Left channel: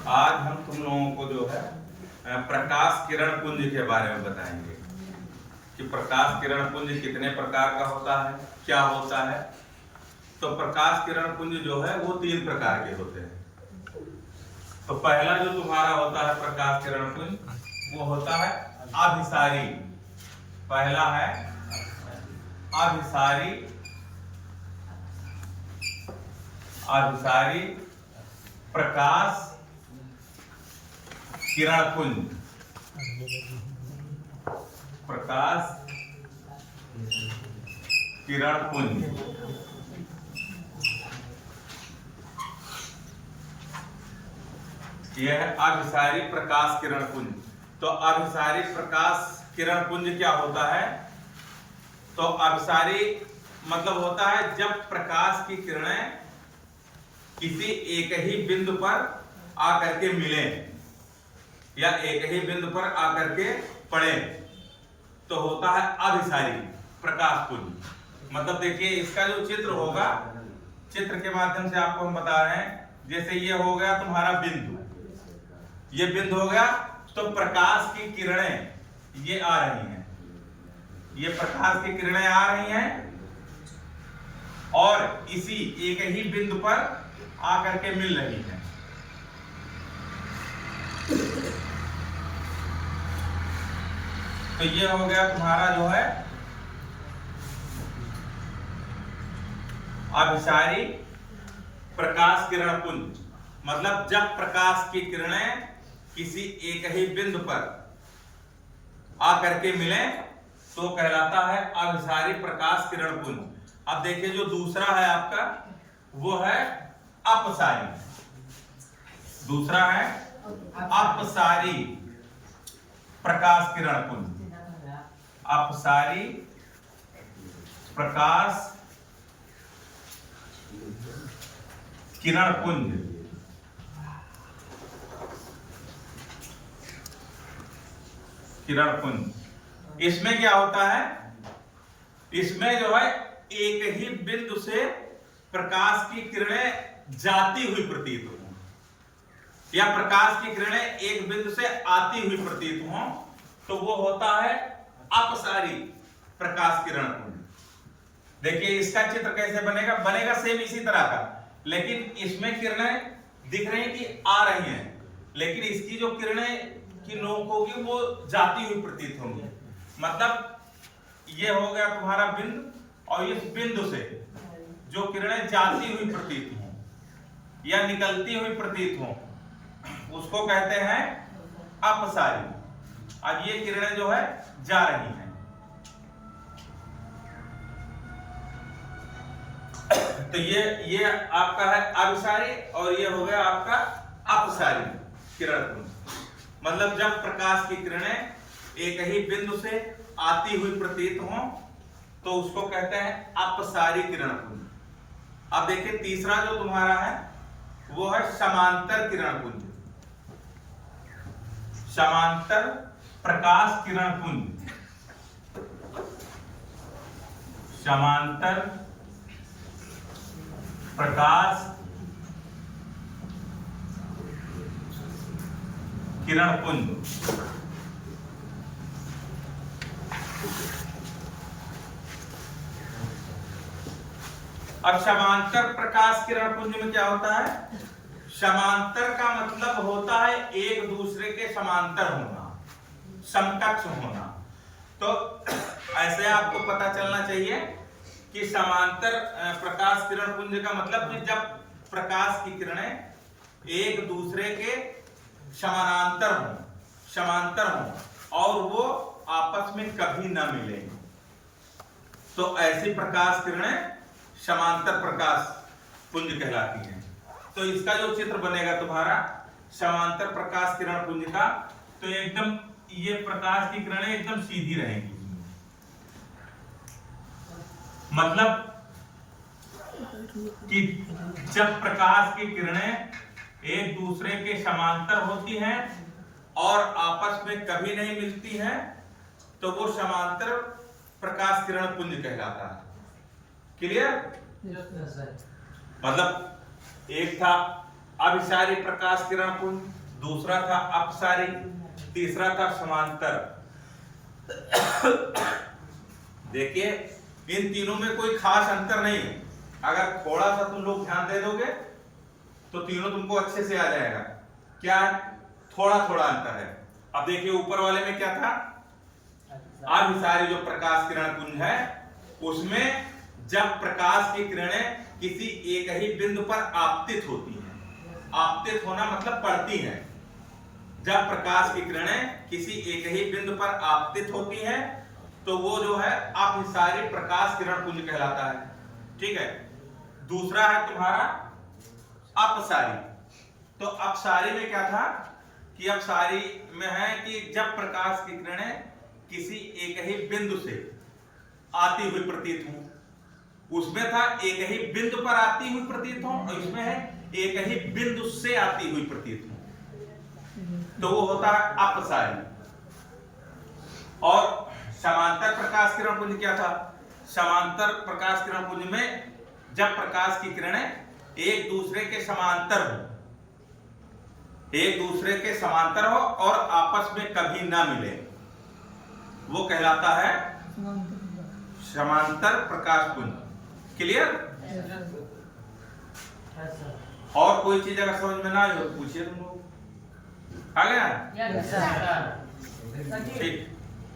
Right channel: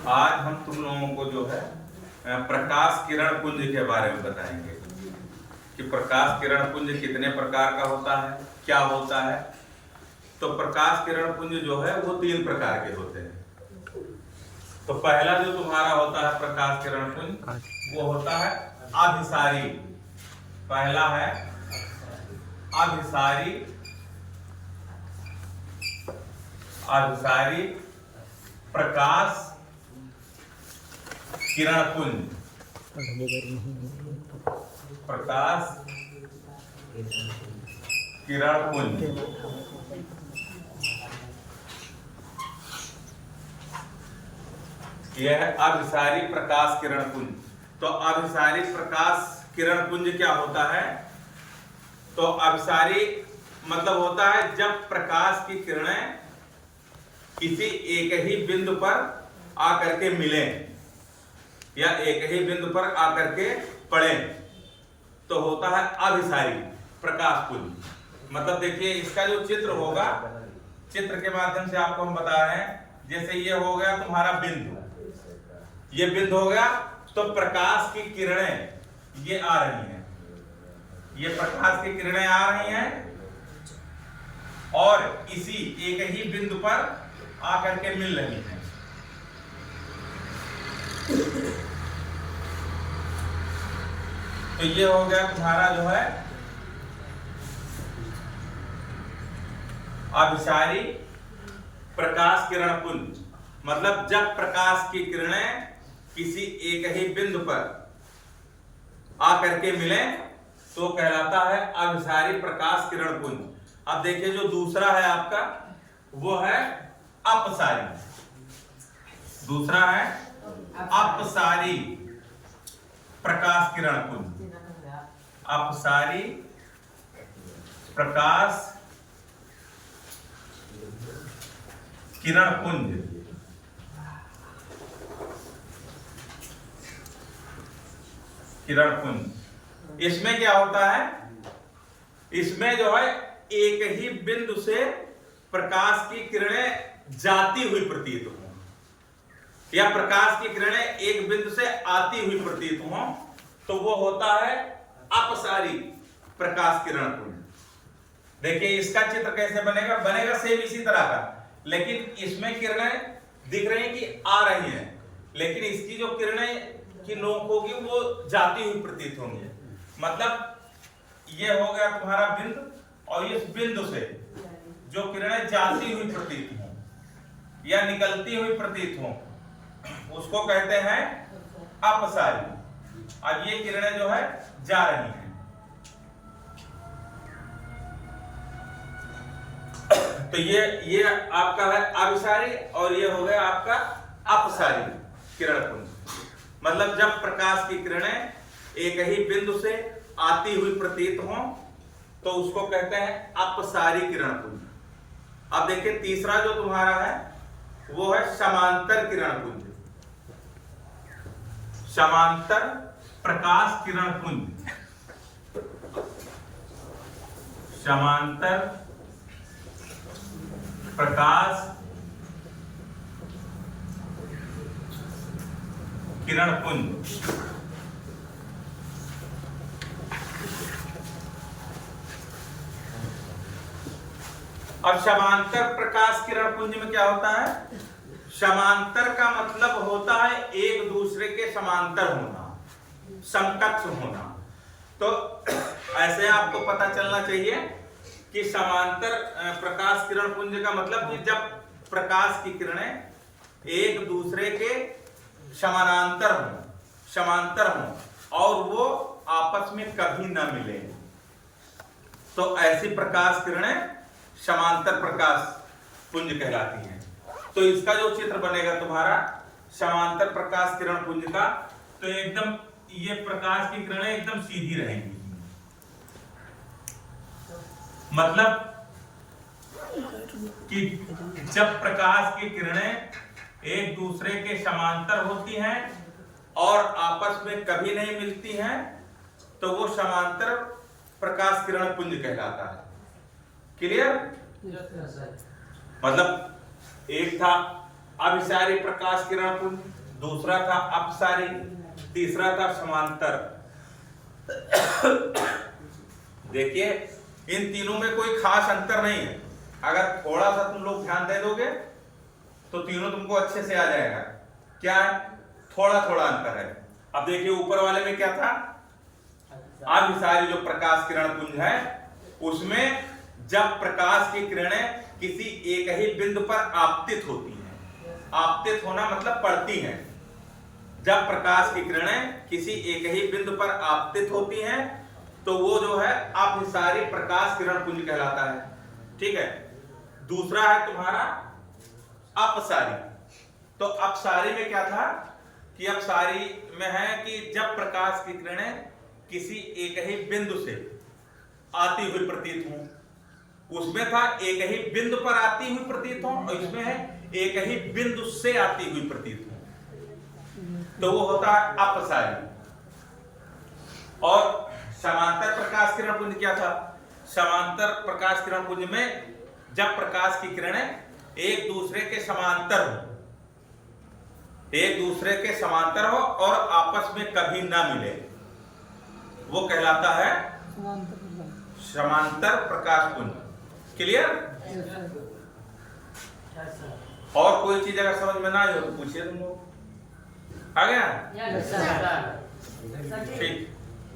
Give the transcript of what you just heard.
आज हम तुम लोगों को जो है प्रकाश किरण पुंज के बारे में बताएंगे कि प्रकाश किरण पुंज कितने प्रकार का होता है, क्या होता है। तो प्रकाश किरण पुंज जो है वो 3 प्रकार के होते हैं। तो पहला जो तुम्हारा होता है प्रकाश किरण पुंज वो होता है अभिसारी। पहला है अभिसारी। अभिसारी प्रकाश किरण पुंज। प्रकाश किरण पुंज यह है अभिसारी प्रकाश किरण पुंज। तो अभिसारी प्रकाश किरण पुंज क्या होता है? तो अभिसारी मतलब होता है जब प्रकाश की किरणें किसी एक ही बिंदु पर आकर के मिलें या एक ही बिंदु पर आकर के पड़े तो होता है अभिसारी प्रकाश पुंज। मतलब देखिए इसका जो चित्र होगा, चित्र के माध्यम से आपको हम बता रहे हैं। जैसे ये हो गया तुम्हारा बिंदु, ये बिंदु हो गया, तो प्रकाश की किरणें ये आ रही हैं, ये प्रकाश की किरणें आ रही हैं और इसी एक ही बिंदु पर आकर के मिल रही हैं। तो ये हो गया तुम्हारा जो है अभिसारी प्रकाश किरण पुंज। मतलब जब प्रकाश की किरणें किसी एक ही बिंदु पर आकर के मिले तो कहलाता है अभिसारी प्रकाश किरण पुंज। अब देखिए जो दूसरा है आपका वो है अपसारी। दूसरा है अपसारी प्रकाश किरण पुंज। अपसारी प्रकाश किरण पुंज। किरण पुंज इसमें क्या होता है? इसमें जो है एक ही बिंदु से प्रकाश की किरणें जाती हुई प्रतीत हो या प्रकाश की किरणें एक बिंदु से आती हुई प्रतीत हो तो वो होता है अपसारी प्रकाश किरण पुंज। देखिए इसका चित्र कैसे बनेगा? बनेगा सेम इसी तरह का, लेकिन इसमें किरणें दिख रही हैं कि आ रही हैं, लेकिन इसकी जो किरणें की नोक होगी वो जाती हुई प्रतीत होंगी। मतलब ये हो गया तुम्हारा बिंदु और इस बिंदु से जो किरणें जाती हुई प्रतीत हों या निकलती हुई प्रतीत हों उसको कहते हैं अपसारी। अब ये किरणें जो है जा रही हैं तो ये आपका है अभिसारी और ये हो गया आपका अपसारी किरण पुंज। मतलब जब प्रकाश की किरणें एक ही बिंदु से आती हुई प्रतीत हों तो उसको कहते हैं अपसारी किरण पुंज। अब देखिए तीसरा जो तुम्हारा है वो है समांतर किरण पुंज। समांतर प्रकाश किरण पुंज। समांतर प्रकाश किरण पुंज। अब समांतर प्रकाश किरण पुंज में क्या होता है? समांतर का मतलब होता है एक दूसरे के समांतर होना, समकक्ष होना। तो ऐसे आपको पता चलना चाहिए कि समांतर प्रकाश किरण पुंज का मतलब कि जब प्रकाश की किरणें एक दूसरे के समानांतर हों, समांतर हों और वो आपस में कभी ना मिले तो ऐसी प्रकाश किरणें समांतर प्रकाश पुंज कहलाती हैं। तो इसका जो चित्र बनेगा तुम्हारा समांतर प्रकाश किरण पुंज का, तो एकदम ये प्रकाश की किरणें एकदम सीधी रहेंगी। मतलब कि जब प्रकाश की किरणें एक दूसरे के समांतर होती हैं और आपस में कभी नहीं मिलती हैं तो वो समांतर प्रकाश किरण पुंज कहलाता है। क्लियर? मतलब एक था अभिसारी प्रकाश किरण पुंज, दूसरा था अपसारी, तीसरा था समांतर। देखिए इन तीनों में कोई खास अंतर नहीं है, अगर थोड़ा सा तुम लोग ध्यान दे दोगे तो तीनों तुमको अच्छे से आ जाएगा। क्या है? थोड़ा थोड़ा अंतर है। अब देखिए ऊपर वाले में क्या था, अभिसारी जो प्रकाश किरण पुंज है उसमें जब प्रकाश की किरणें किसी एक ही बिंदु पर आपतित होती हैं, आपतित होना मतलब पड़ती हैं, जब प्रकाश की किरणें किसी एक ही बिंदु पर आपतित होती हैं तो वो जो है अभिसारी प्रकाश किरण पुंज कहलाता है। ठीक है। दूसरा है तुम्हारा अपसारी। तो अपसारी में क्या था कि अपसारी में है कि जब प्रकाश की किरणें किसी एक ही बिंदु से आती हुई प्रतीत हों, उसमें था एक ही बिंदु पर आती हुई प्रतीत हो, और इसमें है एक ही बिंदु से आती हुई प्रतीत हो, तो वो होता है अपसारी। और समांतर प्रकाश किरण पुंज क्या था? समांतर प्रकाश किरण पुंज में जब प्रकाश की किरणें एक दूसरे के समांतर हो, एक दूसरे के समांतर हो और आपस में कभी ना मिले, वो कहलाता है समांतर प्रकाश पुंज। क्लियर? और कोई चीज अगर समझ में ना आई हो तो पूछिए तुम लोग। आ गया? ठीक।